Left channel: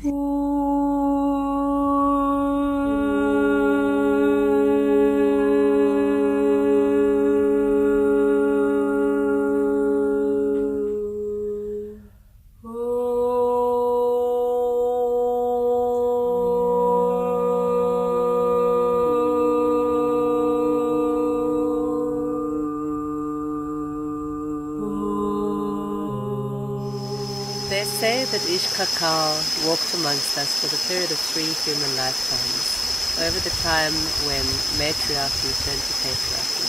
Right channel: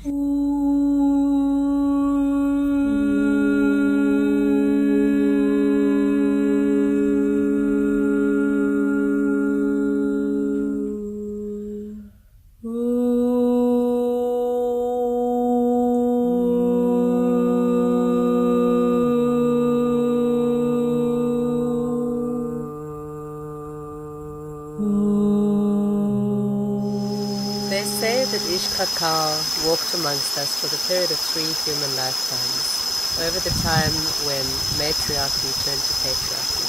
They say that ixCacao walked amongst us for the period of 3 human lifetimes, over the time when matriarchy turned to patriarchy.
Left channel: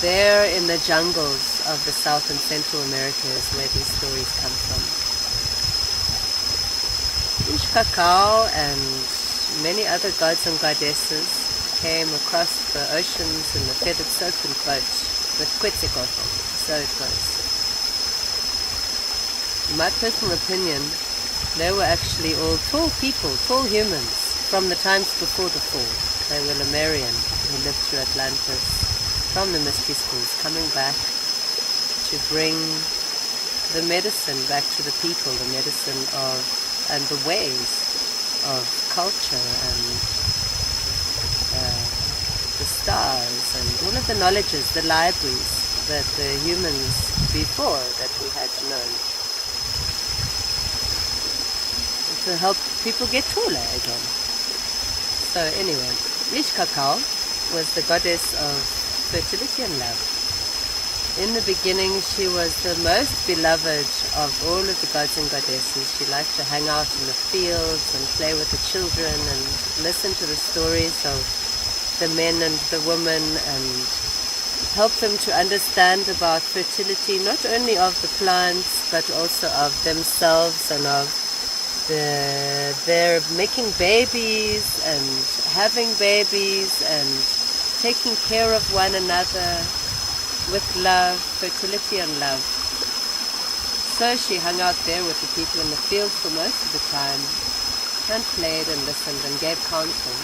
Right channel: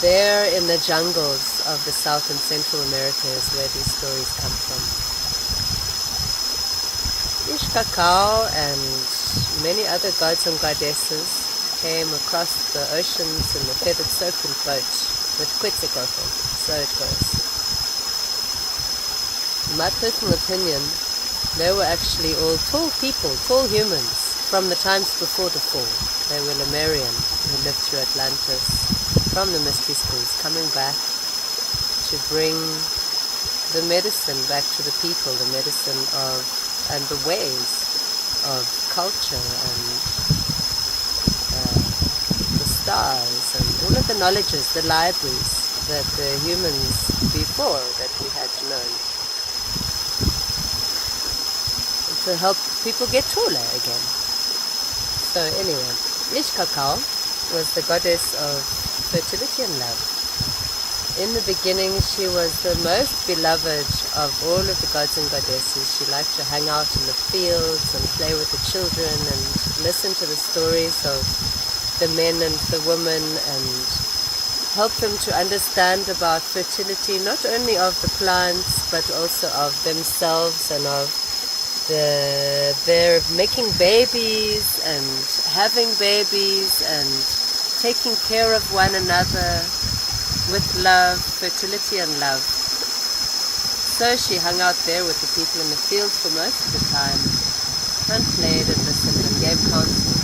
There in the jungles of the South and Central America is where these stories come from. ixCacao and many other gods and goddesses came across the oceans in the feathered serpent boat with ixCacao, so it goes. In my personal opinion, they were actually all tall people, tall humans, from the times before the fall. They were Lemurian, who lived through Atlantis, from the mystery schools, coming back to bring the medicine back to the people, the medicine of, and the ways of culture and the stars and all of the knowledges, the libraries that the humans before that we had known, to help people get taller again. So anyway, ixCacao was the goddess of fertility and love. In the beginning, she was the most beloved of all of the gods and goddesses. She liked to hang out in the fields and play with the children and listen to the stories of the men and the women and help them to understand about fertility, not only of the plants, but also of themselves and of they're making babies and having babies and taking care of one another with love, fertility and love. So she hung out there with the people in the fields for most of the time and played and listened and gave counsel.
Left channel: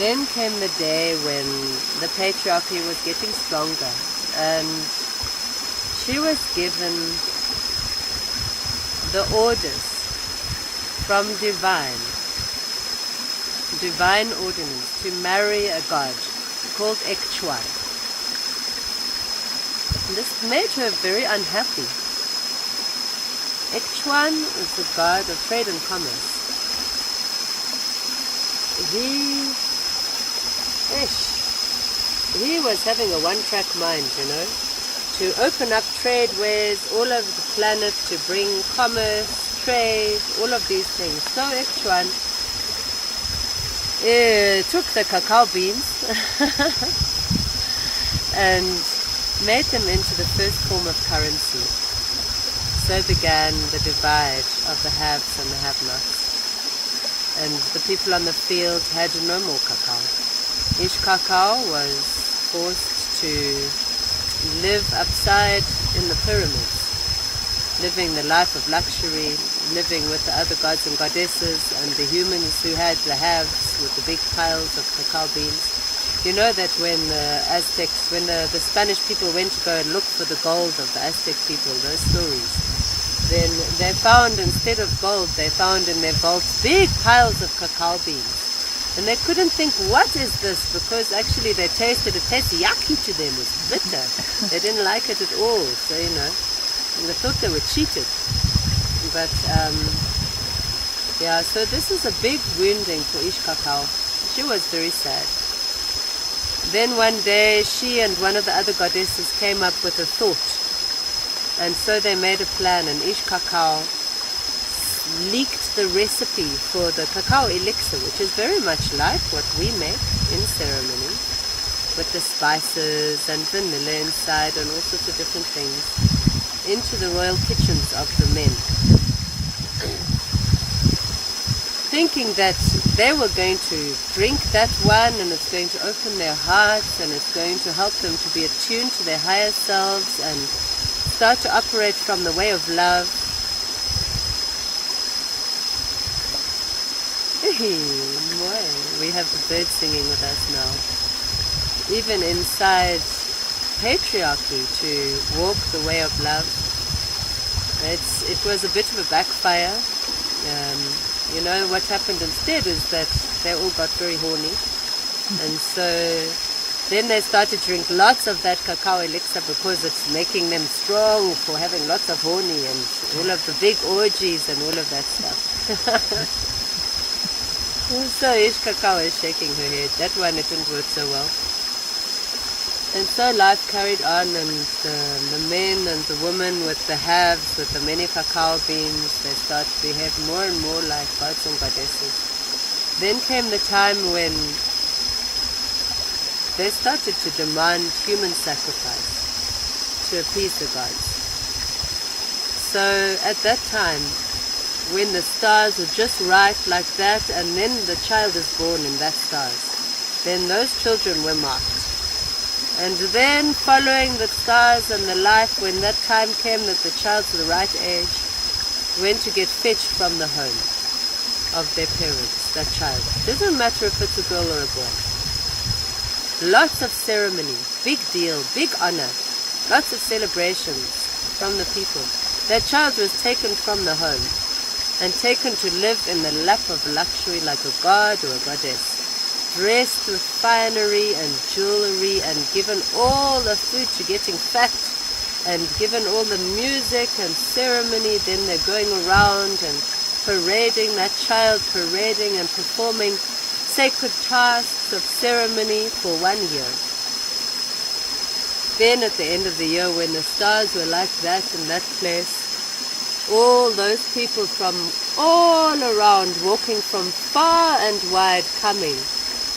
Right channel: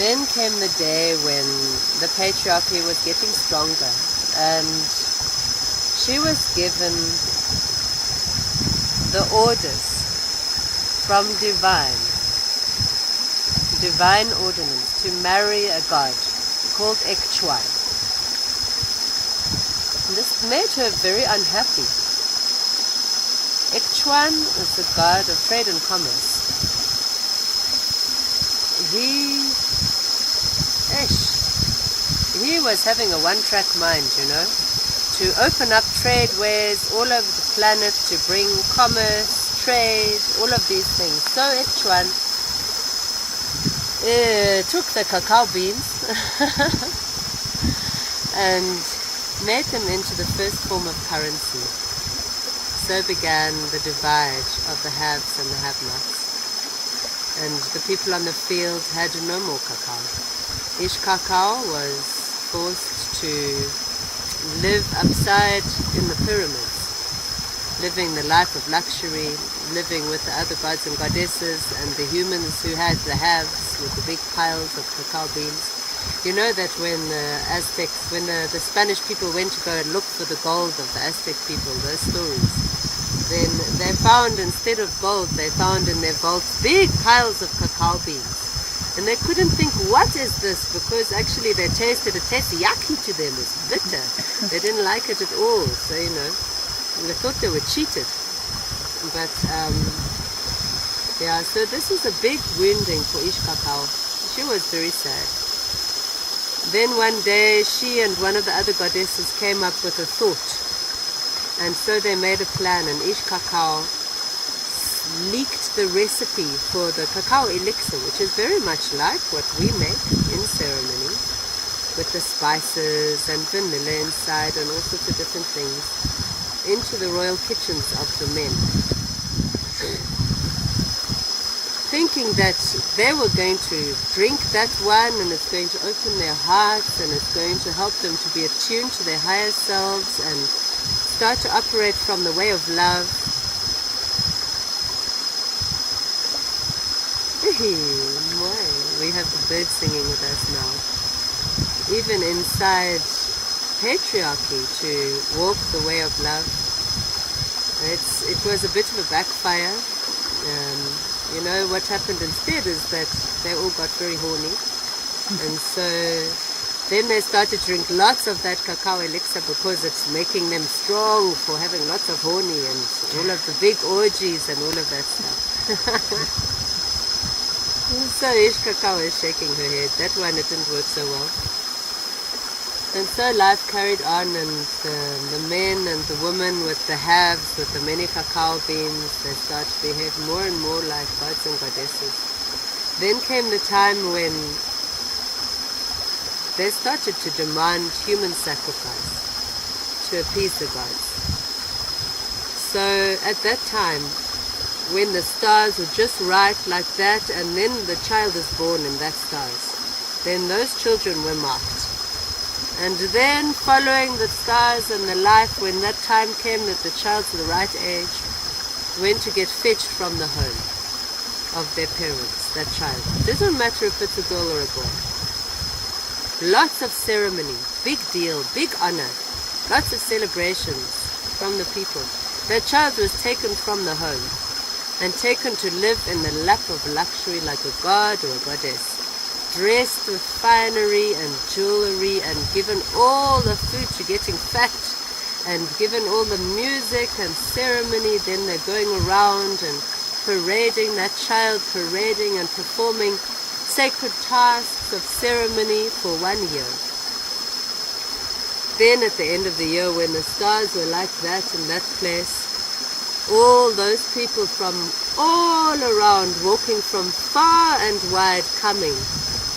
Then came the day when the patriarchy was getting stronger and she was given the orders from divine ordinance to marry a god called ixCacao. This made her very unhappy. ixCacao is the god of trade and commerce. He was having a one-track mind, you know, to open up trade ways all over the planet, to bring commerce, trade, all of these things. So ixCacao took the cacao beans and made them into the first form of currency. So began the divide of the haves and the have-nots. And the people on the fields had no more cacao. ixCacao was forced to live upside in the pyramids, living the life of luxury, living with the other gods and goddesses and the humans who had the haves with the big piles of cacao beans. You know that when the Aztecs, when the Spanish people went to go and look for the gold of the Aztec people, those stories, then they found, instead of gold, they found in their vaults big piles of cacao beans. And they couldn't think, what is this? Because actually they tasted, it tasted yucky to them, it was bitter. They didn't like it at all, so you know, they thought they were cheated. But yeah, so this is a big wounding for ixCacao. She was very sad. Then one day she and one of the other goddesses came up with a thought. And so they made a plan, and ixCacao leaked the recipe for the cacao elixir, which is very much like what we make in ceremony, with the spices and vanilla inside and all sorts of different things, into the royal kitchens of the men, thinking that they were going to drink that one and it's going to open their hearts and it's going to help them to be attuned to their higher selves and start to operate from the way of love. We have the birds singing with us now. Even inside patriarchy, to walk the way of love It was a bit of a backfire. You know, what happened instead is that they all got very horny. And so then they started to drink lots of that cacao elixir because it's making them strong for having lots of honey and all of the big orgies and all of that stuff. So ixCacao is shaking her head. That one, it didn't work so well. And so life carried on, and the men and the women with the halves, with the many cacao beans, they start to behave more and more like gods and goddesses. Then came the time when they started to demand human sacrifice to appease the gods. So at that time, when the stars were just right like that, and then the child is born in that stars, then those children were marked. And then following the stars and the life, when that time came that the child's the right age, went to get fetched from the home of their parents, that child. Doesn't matter if it's a girl or a boy. Lots of ceremony, big deal, big honor, lots of celebrations from the people. That child was taken from the home and taken to live in the lap of luxury like a god or a goddess, dressed with finery and jewelry, and given all the food to getting fat, and given all the music and ceremony. Then they're going around and parading that child, parading and performing sacred tasks of ceremony for 1 year. Then at the end of the year, when the stars were like that in that place, all those people from all around, walking from far and wide, coming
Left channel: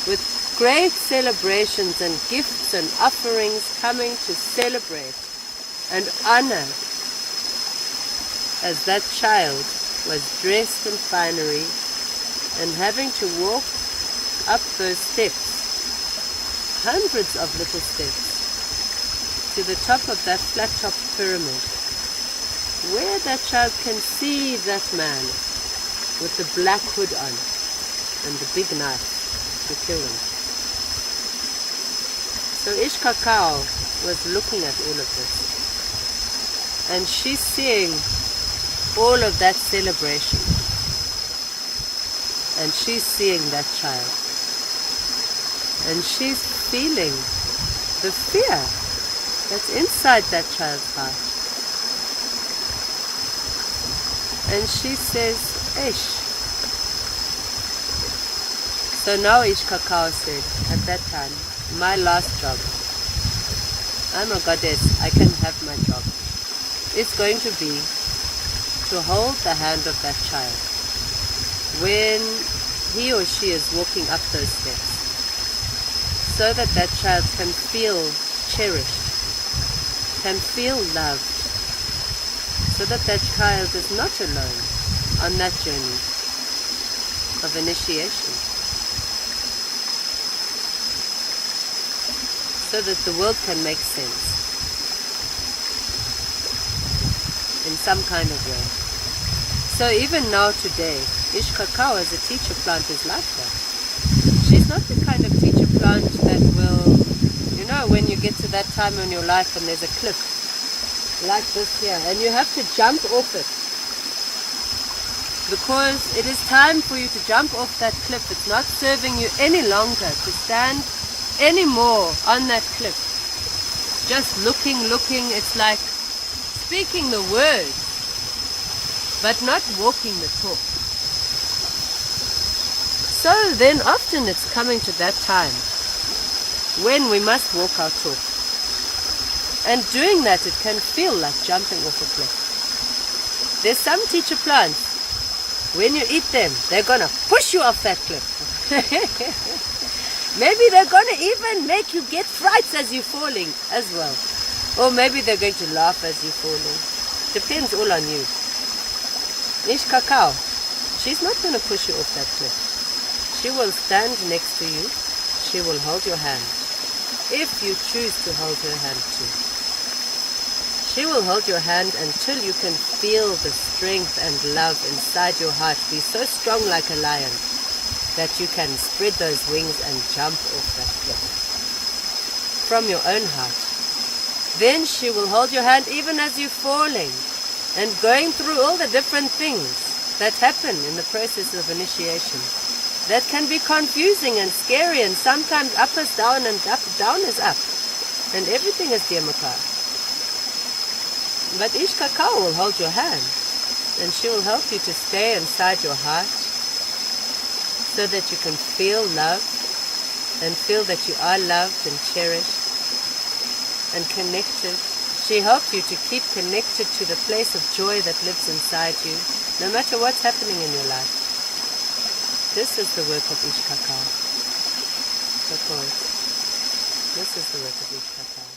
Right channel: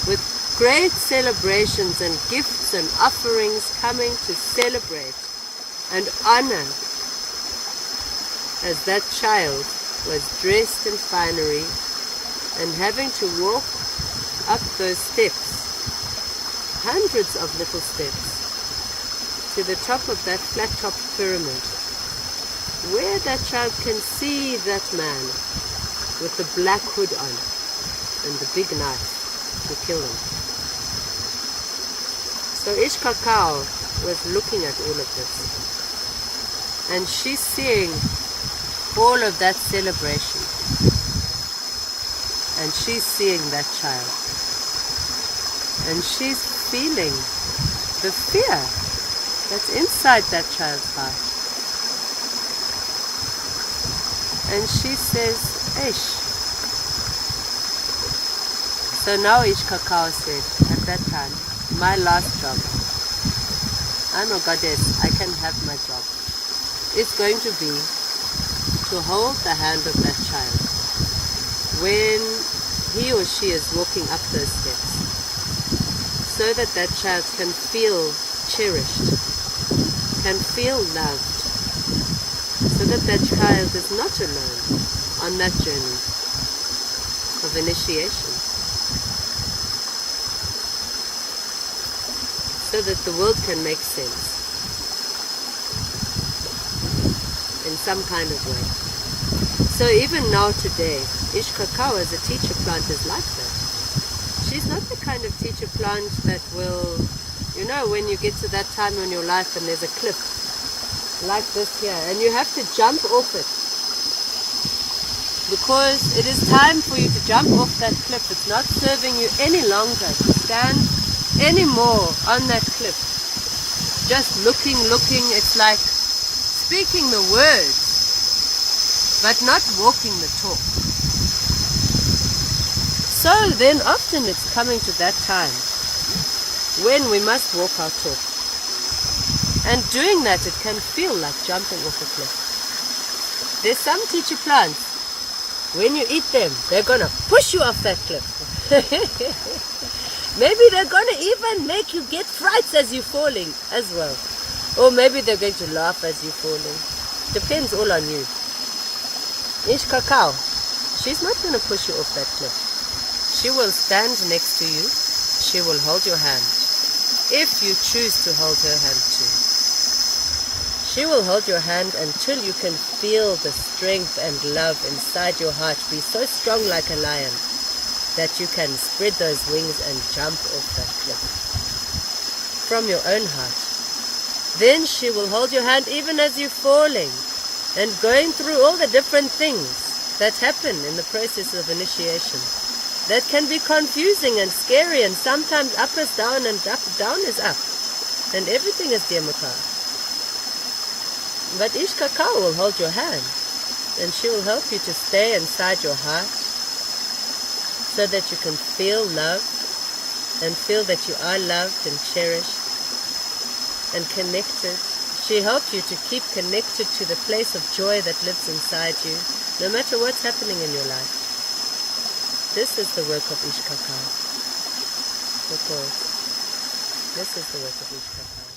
with great celebrations and gifts and offerings, coming to celebrate and honor as that child was dressed in finery and having to walk up those steps, hundreds of little steps, to the top of that flat-topped pyramid, where that child can see that man with the black hood on and the big knife to kill him. So ixCacao was looking at all of this, and she's seeing all of that celebration, and she's seeing that child, and she's feeling the fear that's inside that child's heart. And she says, Ish. So now ixCacao said, at that time, my last job, I'm a goddess, I can have my job. It's going to be to hold the hand of that child when he or she is walking up those steps, so that that child can feel cherished, can feel loved, so that that child is not alone on that journey of initiation, so that the world can make sense in some kind of way. So even now today, ixCacao as a teacher plant is like that. She's not the kind of teacher plant that will, you know, when you get to that time in your life and there's a cliff like this here, and you have to jump off it, because it is time for you to jump off that cliff. It's not serving you any longer to stand anymore on that cliff, just looking. It's like speaking the words but not walking the talk. So then often it's coming to that time when we must walk our talk. And doing that, it can feel like jumping off a cliff. There's some teacher plants, when you eat them, they're going to push you off that cliff. Maybe they're going to even make you get frights as you're falling as well. Or maybe they're going to laugh as you're falling. Depends all on you. ixCacao, she's not going to push you off that cliff. She will stand next to you. She will hold your hand, if you choose to hold her hand too. She will hold your hand until you can feel the strength and love inside your heart be so strong like a lion that you can spread those wings and jump off that cliff from your own heart. Then she will hold your hand even as you're falling, and going through all the different things that happen in the process of initiation. That can be confusing and scary, and sometimes up is down and down is up. And everything is Diamaka. But ixCacao will hold your hand, and she will help you to stay inside your heart so that you can feel love and feel that you are loved and cherished and connected. She helps you to keep connected to the place of joy that lives inside you, no matter what's happening in your life. This is the work of ixCacao. Because this is the work of ixCacao.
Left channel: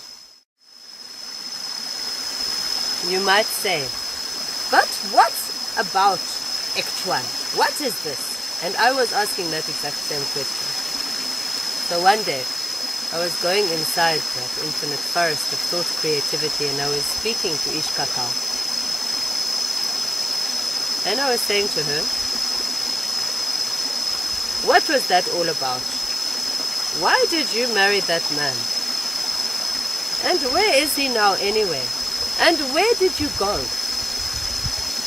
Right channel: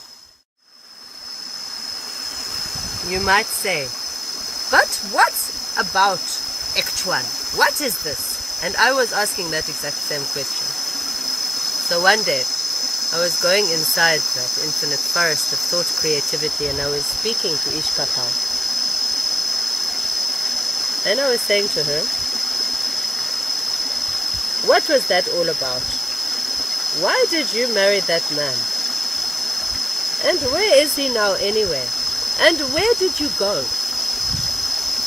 You might say, but what about ixCacao? What is this? And I was asking that exact same question. So one day, I was going inside the infinite forest of thought creativity, and I was speaking to ixCacao. And I was saying to her, what was that all about? Why did you marry that man? And where is he now anyway? And where did you go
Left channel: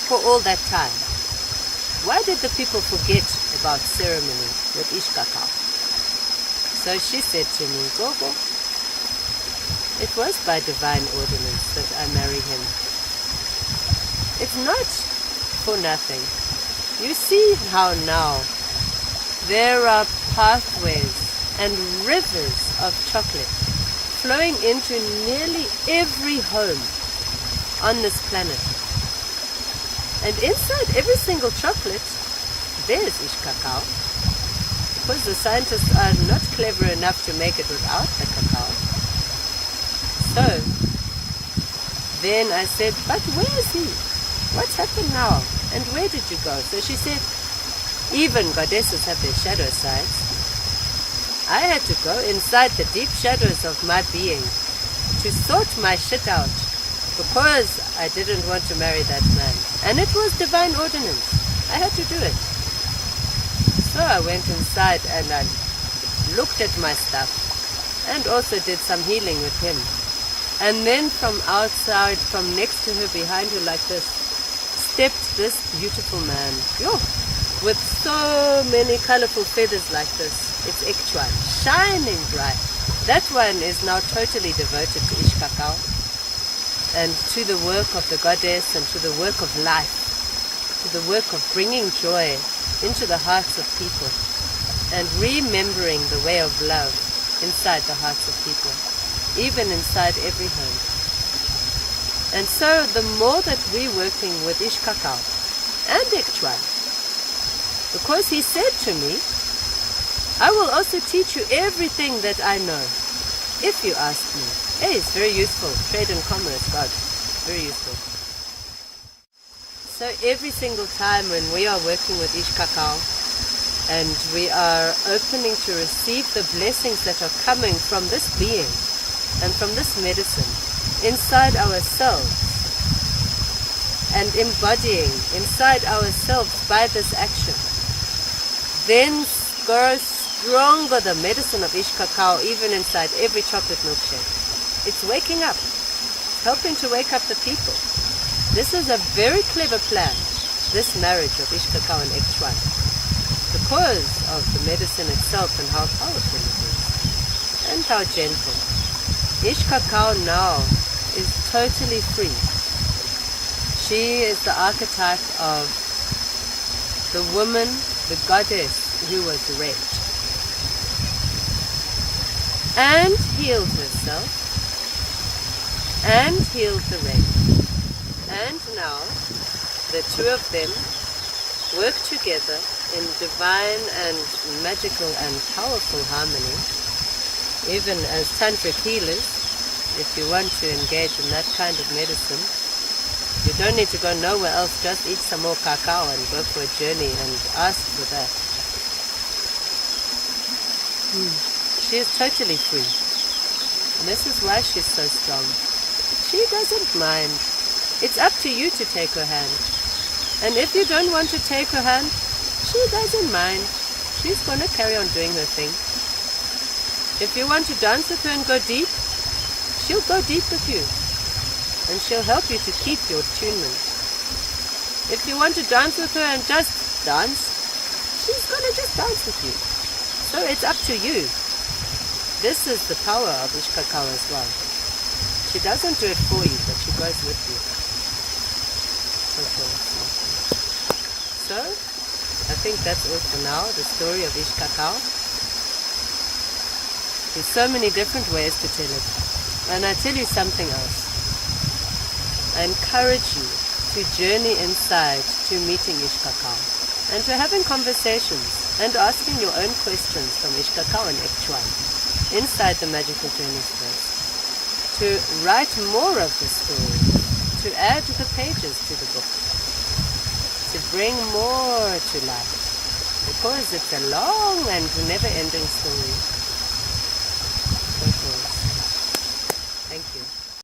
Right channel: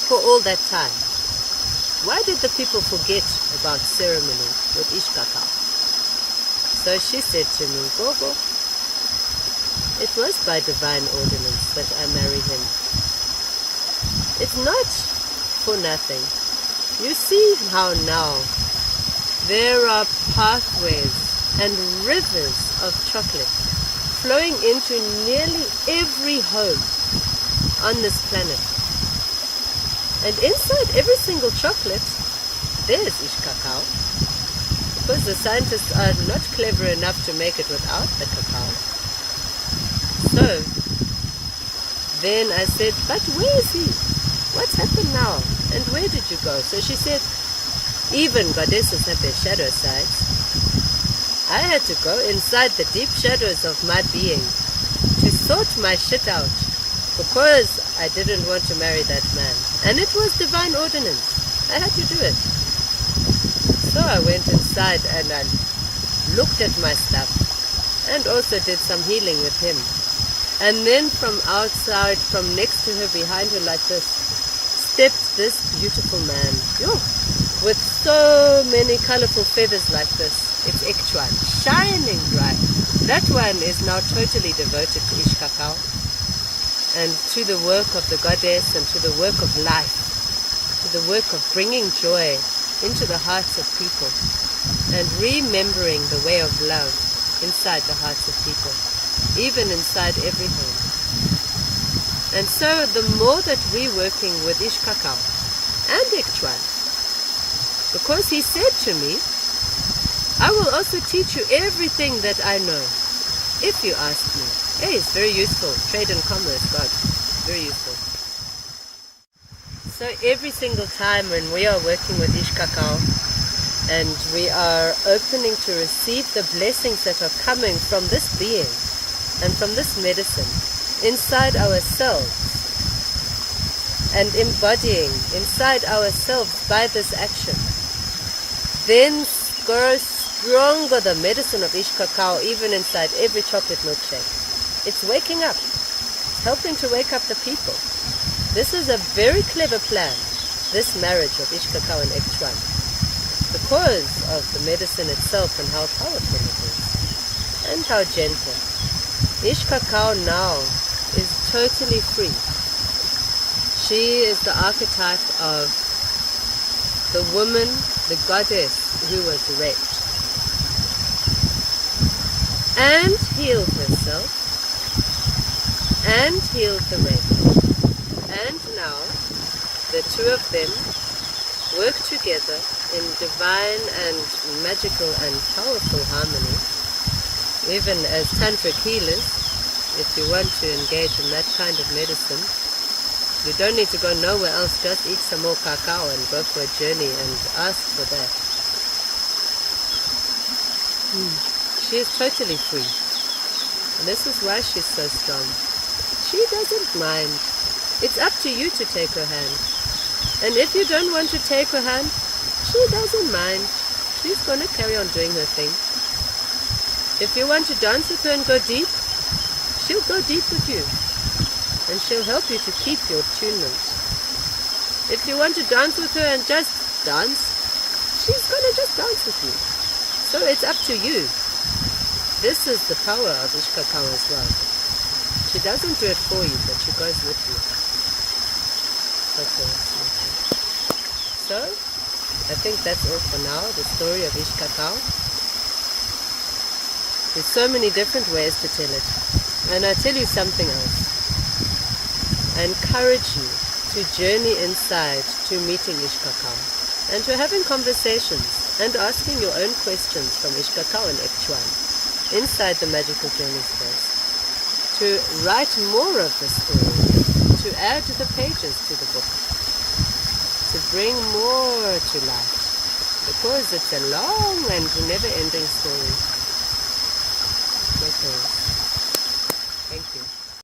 for all that time? Why did the people forget about ceremony with ixCacao? So she said to me, Gogo, it was by divine ordinance that I married him. It's not for nothing. You see how now there are pathways and rivers of chocolate flowing into nearly every home on this planet. And inside every single chocolate, there's ixCacao. Because the scientists are not clever enough to make it without the cacao. So, then I said, but where is he? What's happened now? And where did you go? So she said, even goddesses have their shadow sides. I had to go inside the deep shadows of my being to sort my shit out because I didn't want to marry that man. And it was divine ordinance. I had to do it. So I went inside and I looked at my stuff and also did some healing with him. And then from outside, from next to her, behind her like this, stepped this beautiful man. Yo, with so many colorful feathers like this. It's ixCacao, shining bright. That one is now totally devoted to ixCacao and to the work of the goddess and to the work of life, to the work of bringing joy into the hearts of people and remembering the way of love inside the hearts of people, even inside every home. And so the more that we're working with ixCacao and ixCacao, because he said to me, I will also teach you everything that I know, if you ask me. Hey, it's very useful. Trade and commerce, God. Very useful. So every single time when we are working with ixCacao and we are opening to receive the blessings that are coming from this being and from this medicine inside ourselves and embodying inside ourselves by this action, then grows stronger the medicine of ixCacao even inside every chocolate milkshake. It's waking up, helping to wake up the people. This is a very clever plan, this marriage of ixCacao and ixCacao, because of the medicine itself and how powerful it is, and how gentle. ixCacao now is totally free. She is the archetype of the woman, the goddess who was raped and healed herself and healed the rape. And now, the two of them work together in divine and magical and powerful harmony. Even as tantric healers, if you want to engage in that kind of medicine, you don't need to go nowhere else, just eat some more cacao and go for a journey and ask for that. She is totally free. And this is why she's so strong. She doesn't mind. It's up to you to take her hand. And if you don't want to take her hand, she doesn't mind. She's going to carry on doing her thing. If you want to dance with her and go deep, she'll go deep with you. And she'll help you to keep your attunement If you want to dance with her and just dance, she's gonna just dance with you. So it's up to you. This is the power of ixCacao as well. She doesn't do it for you, but she goes with you. Okay. So, I think that's all for now, the story of ixCacao. There's so many different ways to tell it. And I tell you something else. I encourage you to journey inside to meeting ixCacao and to having conversations and asking your own questions from ixCacao and ixCacao inside the Magical Journey space. To write more of the story, to add the pages to the book, to bring more to life, because it's a long and never-ending story.